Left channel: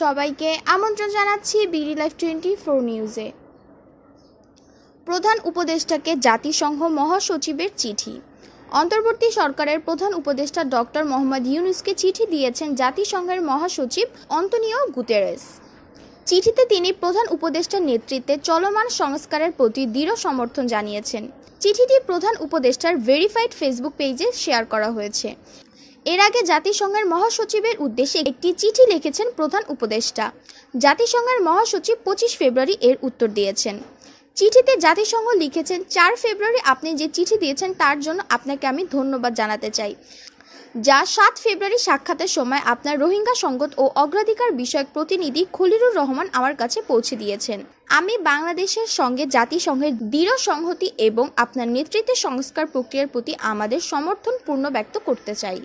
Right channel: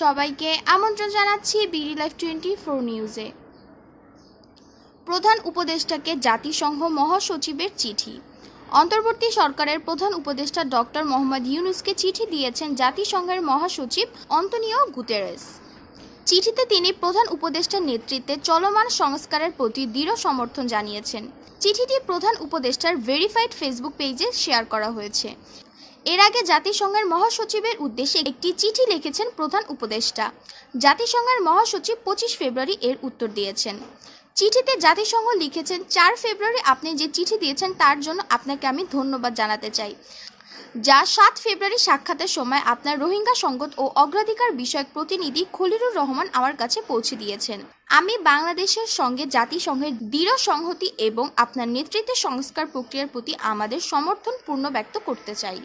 সবাইকে আমন্ত্রণ জানাচ্ছি বিডি লাইভ 24 নিউজে। প্রধান উপদেষ্টাকে জাতিসংঘ মহাসচিবের চিঠি। অন্তর্বর্তী সরকারের প্রধান উপদেষ্টা ডক্টর মোহাম্মদ ইউনূসকে চিঠি দিয়েছেন জাতিসংঘের মহাসচিব অন্তোনিও গুতেরেস। চিঠিতে তিনি প্রধান উপদেষ্টার নেতৃত্বে চলমান সংস্কারের প্রতি দৃঢ় সমর্থন জানিয়েছেন। চিঠিটি প্রধান উপদেষ্টার ভেরিফাইড ফেসবুক পেজে শেয়ার করা হয়েছে। এর আগে জাতিসংঘের মহাসচিবের উদ্দেশ্যে একটি চিঠি লিখেছেন প্রধান উপদেষ্টা। জাতিসংঘের মহাসচিব 25 ফেব্রুয়ারি এর উত্তর দিয়েছেন। চিঠিতে জাতিসংঘ লিখেছেন, 4 ফেব্রুয়ারি আপনি যে চিঠি দিয়েছেন তার জন্য আপনাকে আমি ধন্যবাদ জানাতে চাই, যা 7 ফেব্রুয়ারি সাক্ষাতের সময় আপনার রোহিঙ্গা সংকট ও অগ্রাধিকার বিষয়ক প্রতিনিধি খলিলুর রহমান আমার কাছে পৌঁছে দিয়েছেন। আমি বাংলাদেশের সঙ্গে জাতিসংঘের দৃঢ় সংহতি এবং আপনার নেতৃত্বে সংস্কার প্রক্রিয়ার প্রতি আমাদের সমর্থন পূর্ণ ব্যক্ত করতে চাই।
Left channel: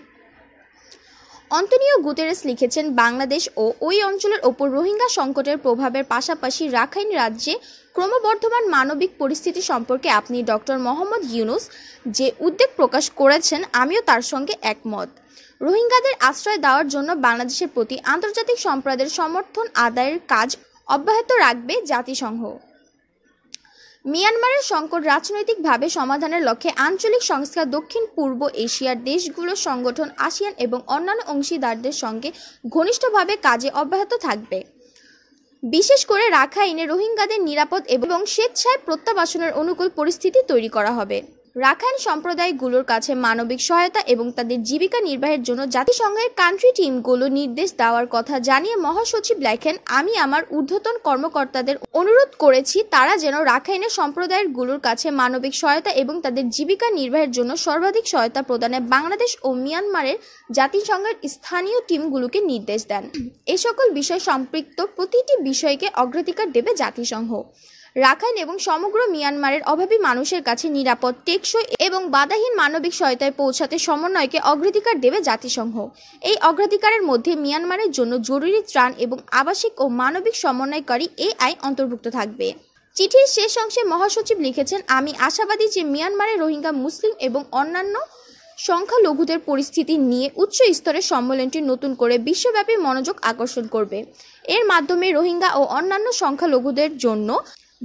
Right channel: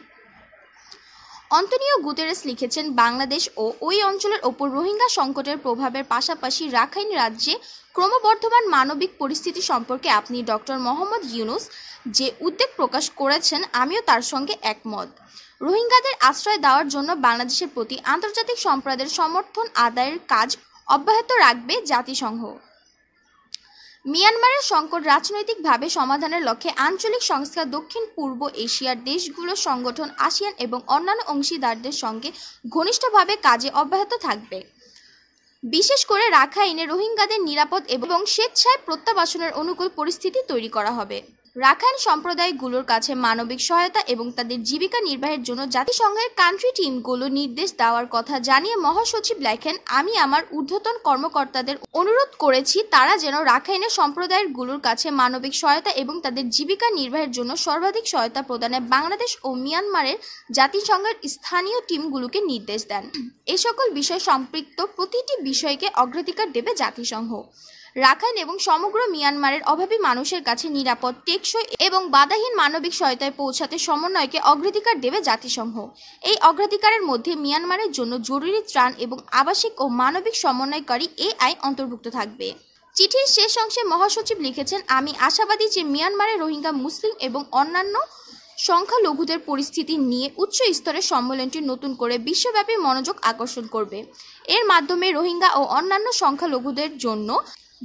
অন্তোনিও গুতেরেস লিখেছেন, বাংলাদেশ ও ওই অঞ্চলের ওপর রোহিঙ্গা সংকটের প্রভাবের পাশাপাশি রাখাইন রাজ্যে ক্রমবর্ধমান মানবিক পরিস্থিতি সম্পর্কে আপনি ডক্টর মোহাম্মদ ইউনূস যে উদ্বেগ প্রকাশ করেছেন আমিও তার সঙ্গে একমত। রোহিঙ্গাদের আশ্রয় দেওয়ার জন্য বাংলাদেশের প্রতি আন্তর্জাতিক সম্প্রদায়ের সমর্থন আদায়ের কাজ অব্যাহত রাখবে জাতিসংঘ। মিয়ানমারের সংকট রাজনৈতিকভাবে সমাধানের লক্ষ্যে আঞ্চলিক সংস্থা দক্ষিণ পূর্ব এশিয়ার দেশগুলোর সংগঠন আসিয়ান এবং অন্যান্য অংশীদারদের সঙ্গে ঘনিষ্ঠভাবে কাজে অব্যাহত থাকবে। বিশেষ করে রাখাইনে রোহিঙ্গাদের নিরাপদ এবং স্বেচ্ছায় প্রত্যাবাসনের অনুকূল পরিস্থিতি তৈরি করা হবে। রাখাইন সম্প্রদায়গুলোর কাছে মানবিক সহায়তা এবং তাদের জীবিকা নির্বাহের জন্য জাতিসংঘের কান্ট্রি টিমগুলো নির্দেশ দেওয়ার কথা জানিয়ে মহাসচিব লেখেন, আমি আমার ঊর্ধ্বতন কর্মকর্তাদের অনুরোধ করেছি তারা যেন রাখাইনের সম্প্রদায়গুলোর কাছে মানবিক সহায়তা এবং তাদের জীবিকা নির্বাহের জন্য সর্বাধিক সহায়তা প্রদানে বাংলাদেশ ও মিয়ানমারের জাতিসংঘের স্থানীয় টিমগুলোকে নির্দেশ দেন। এ সকল বিষয় সম্পৃক্ত প্রতিটি বিষয়কে অগ্রাধিকার দেবে জাতিসংঘ। রাখাইন এবং সমগ্র মিয়ানমারের অভাবী মানুষের কাছে নিরাপদ, টেকসই এবং বাধাহীন মানবিক সহায়তায় পৌঁছাতে সমন্বয়কে অগ্রাধিকার দেবে জাতিসংঘ। এই অগ্রাধিকারের মধ্যে মিয়ানমারের জন্য জরুরি ত্রাণ এবং আবাসিক ও মানবিক সমন্বয়কারী এই আইন অন্তর্ভুক্ত থাকবে। চিঠির শেষ অংশে মহাসচিব লিখেছেন, আমি আশাবাদী যে মিয়ানমারের রোহিঙ্গা মুসলিম এবং অন্যান্য সংখ্যালঘুদের পরিস্থিতি নিয়ে উচ্চ স্তরের সম্মেলনটি নতুন করে বিশ্বব্যাপী মনোযোগ আকর্ষণ করবে। এর মাধ্যমে রোহিঙ্গা ও অন্যান্য সংখ্যালঘুদের জন্য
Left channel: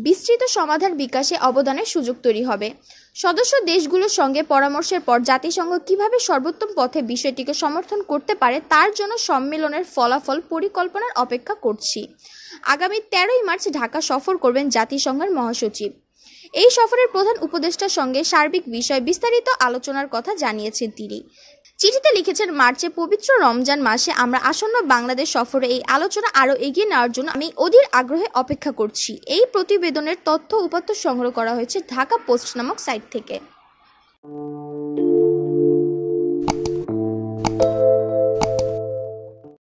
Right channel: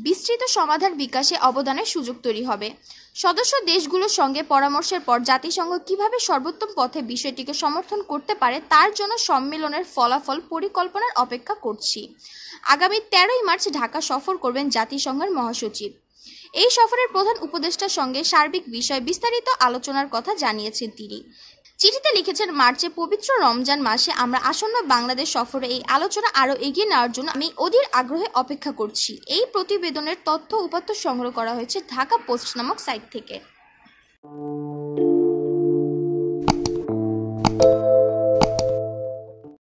বিস্তৃত সমাধান বিকাশে অবদানের সুযোগ তৈরি হবে। সদস্য দেশগুলোর সঙ্গে পরামর্শের পর জাতিসংঘ কিভাবে সর্বোত্তম পথে বিষয়টিকে সমর্থন করতে পারে তার জন্য সম্মেলনের ফলাফল পরিকল্পনার অপেক্ষা করছি। আগামী 13 মার্চ ঢাকা সফর করবেন জাতিসংঘের মহাসচিব। এই সফরের প্রধান উপদেষ্টার সঙ্গে সার্বিক বিষয় বিস্তারিত আলোচনার কথা জানিয়েছেন তিনি। চিঠিতে লিখেছেন, মার্চে পবিত্র রমজান মাসে আমরা আসন্ন বাংলাদেশ সফরে এই আলোচনা আরও এগিয়ে নেওয়ার জন্য আমি অধীর আগ্রহে অপেক্ষা করছি। এই প্রতিবেদনের তথ্য উপাত্ত সংগ্রহ করা হয়েছে ঢাকা পোস্ট নামক সাইট থেকে।